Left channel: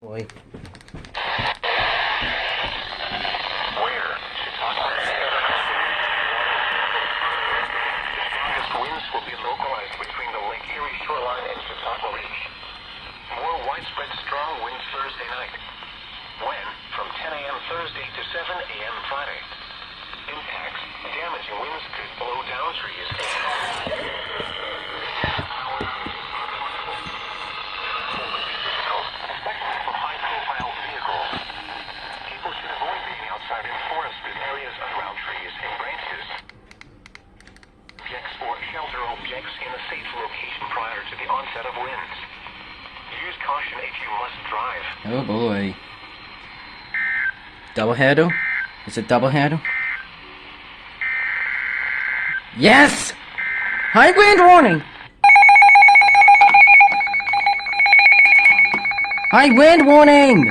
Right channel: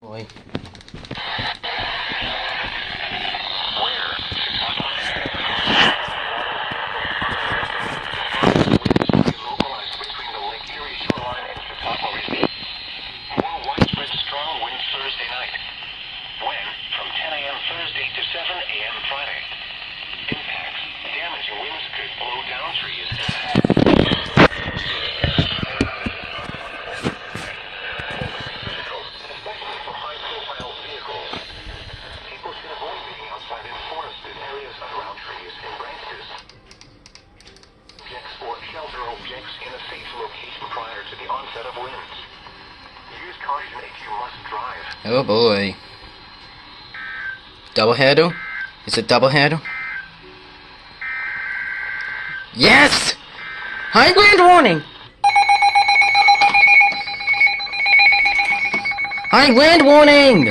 Boy. Thursday night. When? From 10 a.m. Thursday to 7 a.m. Friday. Impacts. Damaging winds could blow down trees and especially for high-profile vehicles. People should avoid being outside in forested areas around trees and branches. Objects or shelter objects in a safe location prior to the onset of winds. Use caution if you must drive. Oh boy. Double handle? Is it double handle? Yes! High wind warning! High wind warning!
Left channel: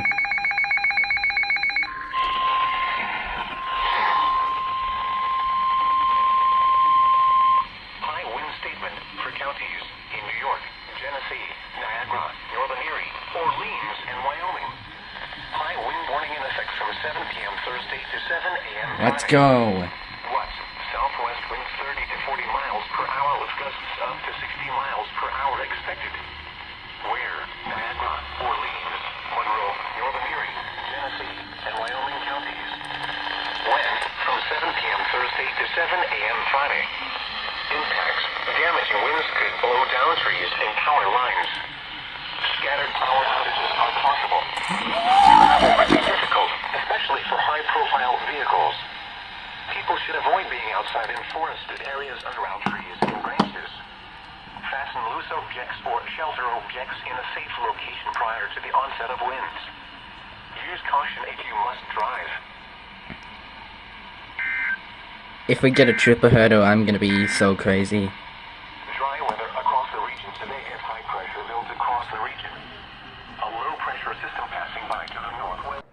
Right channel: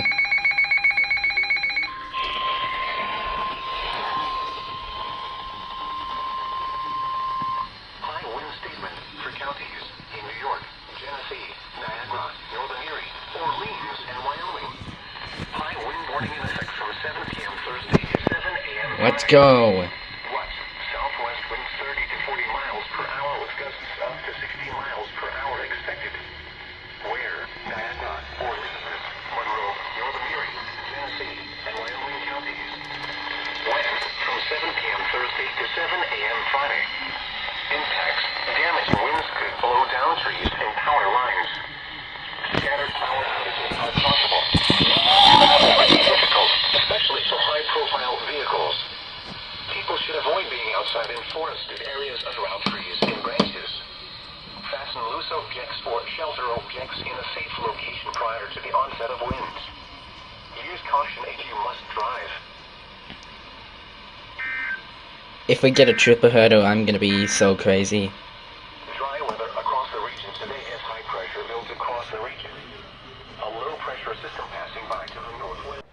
High wind statement for counties in New York, Genesee, Niagara, Northern Erie, Orleans, and Wyoming. High wind warning in effect from 7 p.m. Thursday to 7 a.m. Let's go. What? Southwest winds 30 to 40 miles per hour with gusts up to 60 miles per hour expected. Where? Niagara, Orleans, Monroe, Northern Erie, Genesee, and Wyoming counties. When? From 7 p.m. Thursday to 7 a.m. Friday. Impacts. Damaging winds could blow down trees and power lines. Scattered power outages are possible. Travel might be difficult, especially for high-profile vehicles. People should avoid being outside in forested areas around trees and branches. Fasten loose objects or shelter objects in a safe location prior to the onset of winds. Use caution if you must drive. If we get a triple hurdle, I'm gonna be so crazy. Dry weather across the region today as high pressure builds across the region. A low pressure system passing by to the northwest.